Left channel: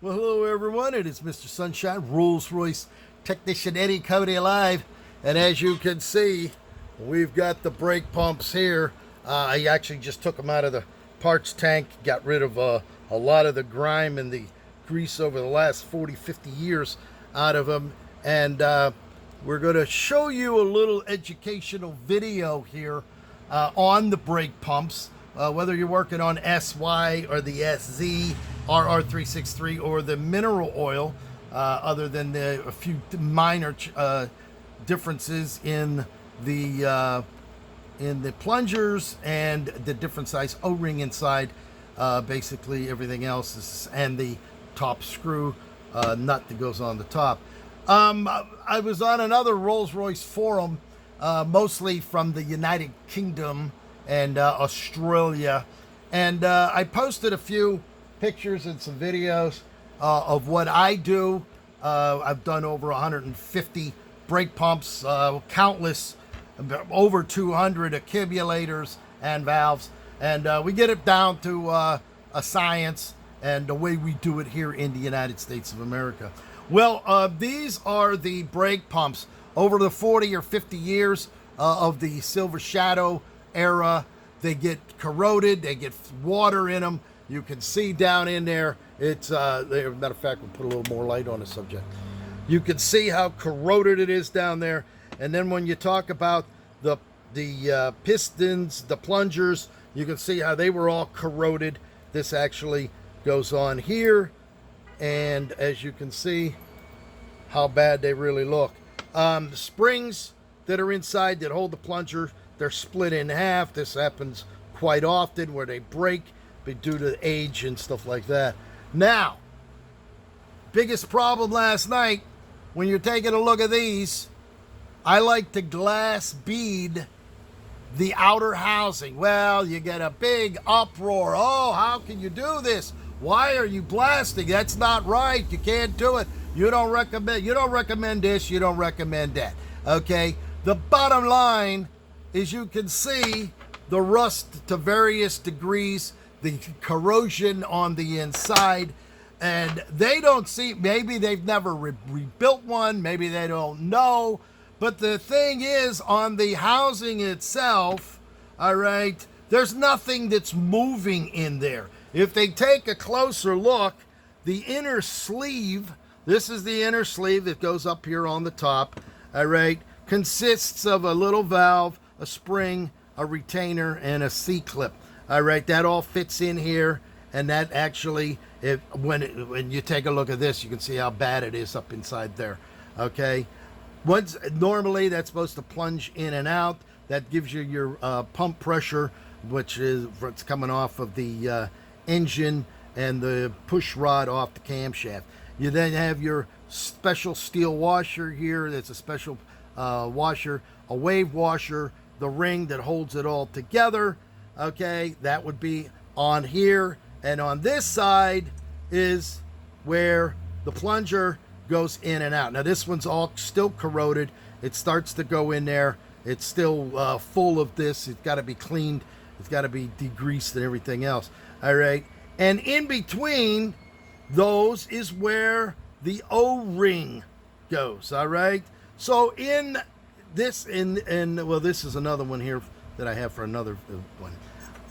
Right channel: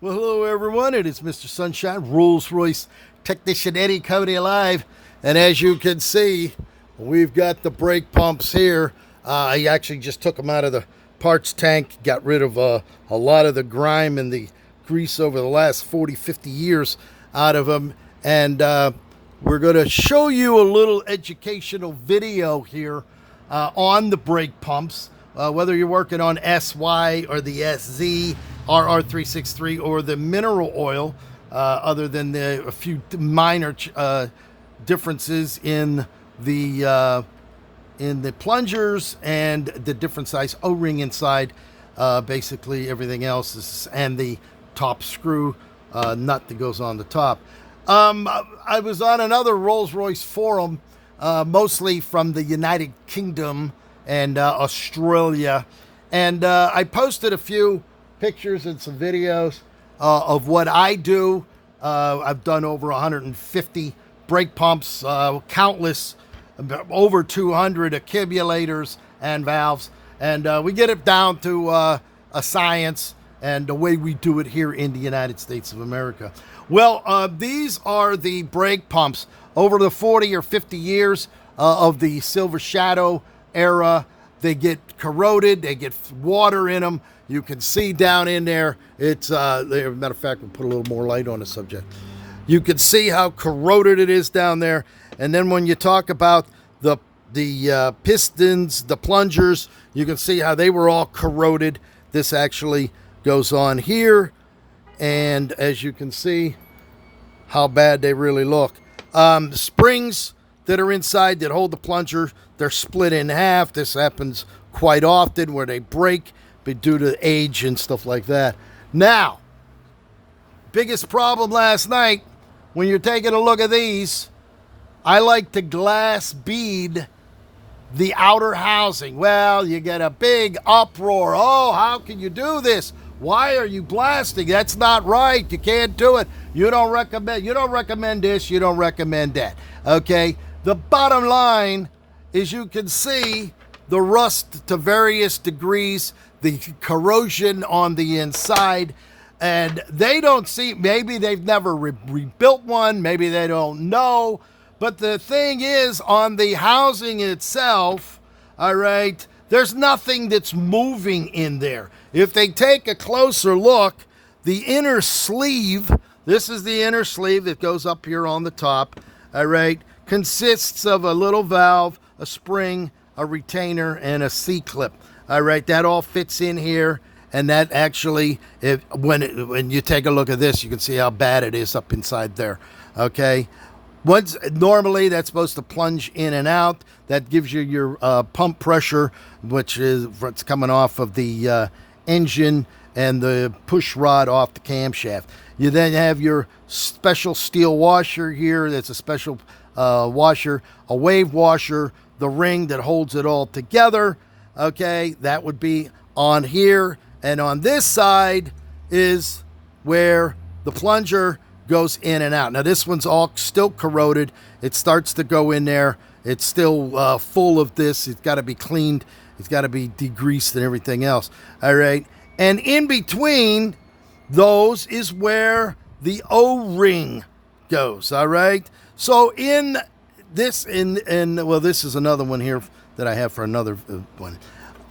Well, hello everyone. It is Mr. Sunshine, Rolls-Royce technician Eddy coming alive, and as you can see, we've got the brake pumps here. I actually just took them out of the parts tank, got rid of a lot of the grime and the grease over the last 40-50 years out of them, and we're going to show you a little educational video here on the brake pumps. Whether you're working on SY or the SZ, RR363, or the mineral oil, other than a few minor differences in the plungers and the different size O-ring inside. Basically, everything else is, and the top screw nut that goes on the top. I was on another Rolls-Royce forum, mostly from the United Kingdom and Australia, and I posted a few pictures and some videos of what I do. I've done over 150 brake pumps, countless, over 200 accumulators and valves, and we get it down to a science and the way we do it here in the United States of America. Well, these are the brake pumps over the 40 or 50 years of the Silver Shadow era. They get corroded, they get water in them. You can see down in there, it's matter of fact, we'll put a little more light on the subject. You can see how corroded it is down there. And then when you talk about the pistons, the plungers, you can see how they were all corroded. This actually goes on here, and as you can see how bad they really look. The springs that are inside that hold the plunger, they're split in half. This happens quite often where they break due to age and stuff like that. Now, biggest problem last night, when you're taking a look at these, I like to glass bead the outer housing. Well, you get a big uproar. Oh, how can you do this? Why are you blasting? That's not right. You can't do it. You don't recommend this, you don't recommend that. Okay? The bottom line is, you can see the rust to various degrees, the corrosion on the inside, and they don't see, maybe they've never rebuilt one, maybe they don't know, but the thing is, on the housing itself, all right, there's nothing that's moving in there. If they take a closer look, the inner sleeve, this is the inner sleeve that goes up here on the top, all right, consists of a little valve, a spring, a retainer, and a C-clip. All right, that all fits in here, and that actually, when you take a look at this, you can see how bad it is up inside there. Okay, normally that's supposed to plunge in and out. That gives you your pump pressure, which is what's coming off of the engine, and the push rod off the camshaft. You then have your special steel washer here. That's a special washer, a wave washer, the ring that holds it all together. Okay, that would be on here, and on this side is where the plunger goes in and out. Now this one's all still corroded. It starts to go in there. It's still full of this. It's got to be cleaned. It's got to be degreased and everything else. All right, and in between those is where the O-ring goes. All right, so in this, well, this is another one here that I have for another one.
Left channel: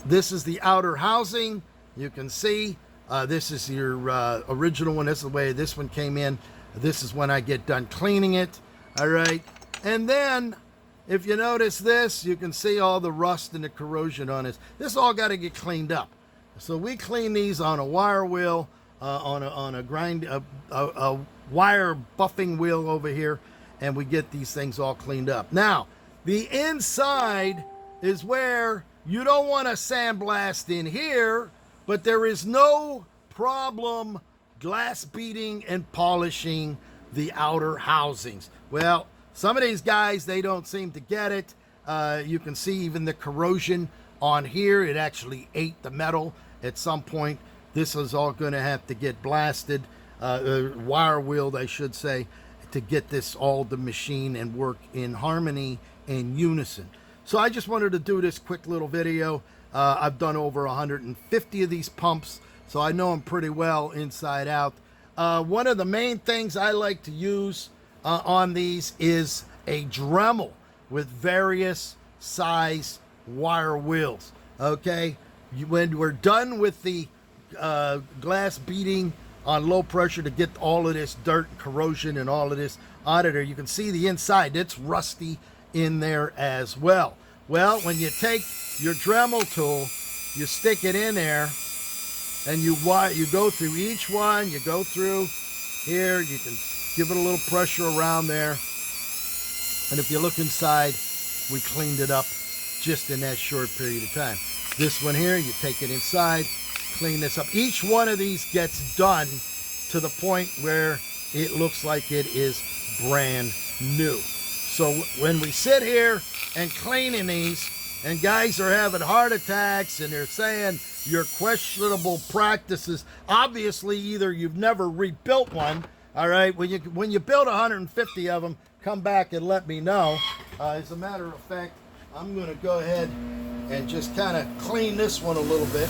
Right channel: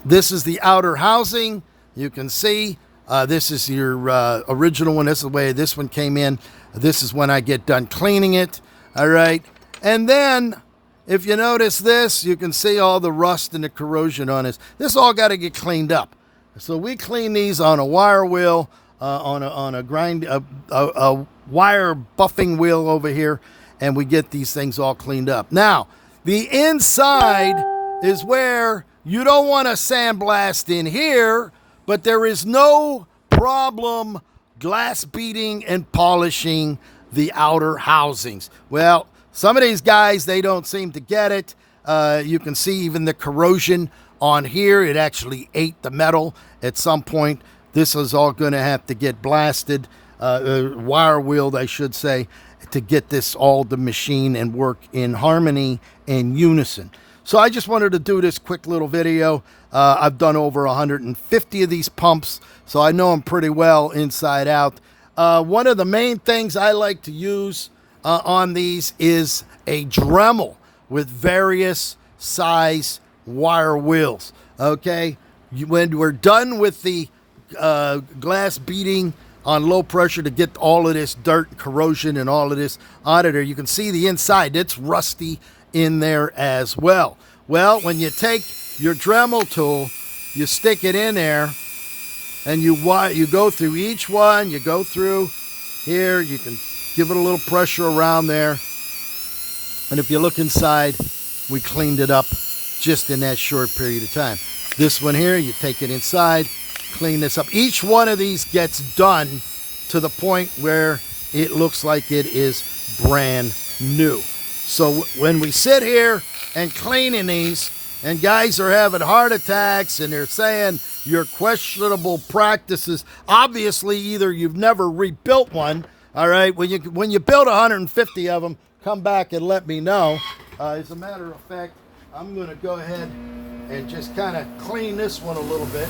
This is the outer housing. You can see this is your original one. This is the way this one came in. This is when I get done cleaning it. All right, and then if you notice this, you can see all the rust and the corrosion on this. This all got to get cleaned up. So we clean these on a wire wheel, on a wire buffing wheel over here, and we get these things all cleaned up. Now, the inside is where you don't want to sandblast in here, but there is no problem glass beating and polishing the outer housings. Well, some of these guys, they don't seem to get it. You can see even the corrosion on here. It actually ate the metal at some point. This is all going to have to get blasted, wire wheeled, I should say, to get this all to machine and work in harmony and unison. So I just wanted to do this quick little video. I've done over 150 of these pumps, so I know them pretty well inside out. one of the main things I like to use on these is a Dremel with various size wire wheels. Okay, when we're done with the glass beating on low pressure to get all of this dirt and corrosion and all of this out of there, you can see the inside. It's rusty in there as well. Well, when you take your Dremel tool, you stick it in there, and you go through each one. You go through here. You can give it a little pressure around there. And if you look inside, we cleaned it up just in that short period of time. This one here, you take it inside, clean this up. Each one of these gets done to the point where it looks like it is brand new. So when we sit here and cleaning these, and guys are having heart attacks and they're saying your questionable practices, obviously either you've never rebuilt one, all right, when you build 150 of them, come back and let me know. As a matter of fact, I'm going to go ahead and just kind of clean this one a little bit.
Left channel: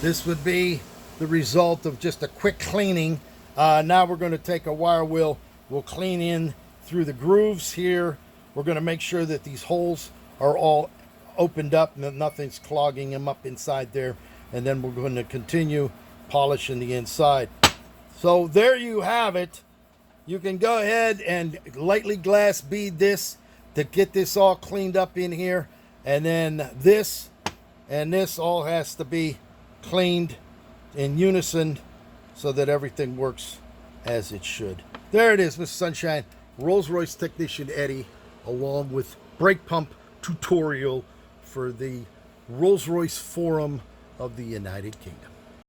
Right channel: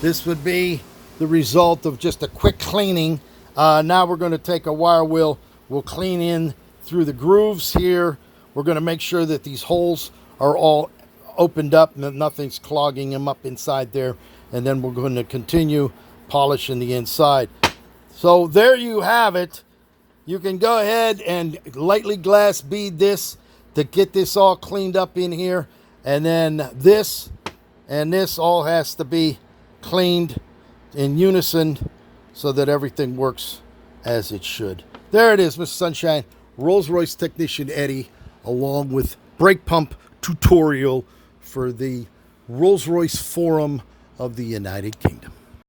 This would be the result of just a quick cleaning. Now we're going to take a wire wheel. We'll clean in through the grooves here. We're going to make sure that these holes are all opened up and that nothing's clogging them up inside there. And then we're going to continue polishing the inside. So there you have it. You can go ahead and lightly glass bead this to get this all cleaned up in here. And then this and this all has to be cleaned in unison so that everything works as it should. There it is, Mr. Sunshine, Rolls-Royce technician Eddie, along with brake pump tutorial for the Rolls-Royce Forum of the United Kingdom.